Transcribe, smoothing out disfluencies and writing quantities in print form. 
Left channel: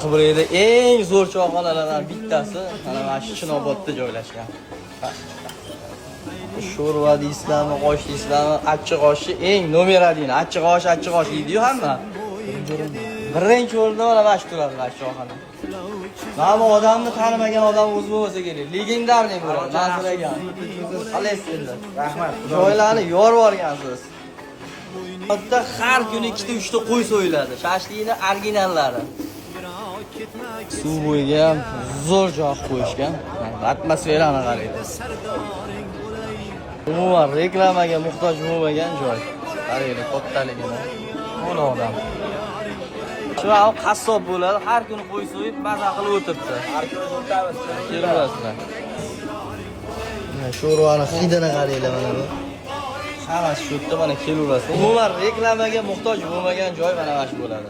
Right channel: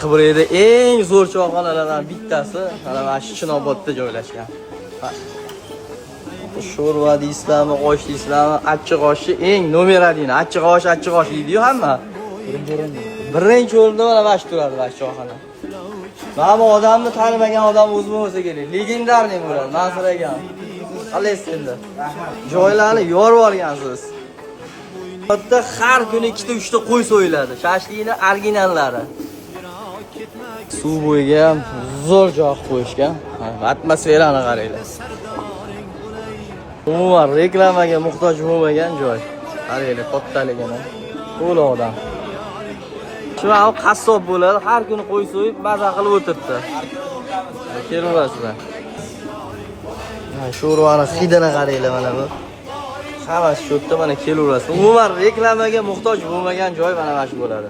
Qibrayda eng zo'r choyxonalardan bittasi mana shu Chinobodda joylashgan. Sho'rva deysizlarmi, osh deysizlarmi, achchiq oshni eng nomer 1 achchiq osh deydi-yu hamma. Birinchi o'rinda mana shu turadilar choyxona. Mana odamni tanimagan odam o'zi bo'lsa kerak. Legendarniy bo'ladi, nasiragan. Alessinda. Rahmat. Joylarni yorib olgansiz. Bitta har kuni 2-3 ta qo'y so'yiladi. Shashlikni originallari. Suv bo'yiga ham zo'r joy qo'yishgan. Atmosferani qarang. Umuman reklamaga muhtoj bo'lmagan joy. Mana to'xtalagan. To'lovdan. Shuna qassob bo'ladi, har kuni qo'y so'yib, baza qilib o'tiribdi. Kelaverasizlar. Sho'rvani hidini qaranglar mana bu. Xavash shu yerda mana kelaverasiz. Umuman reklamaga muhtoj bo'lmagan joy mana shu bo'ladi.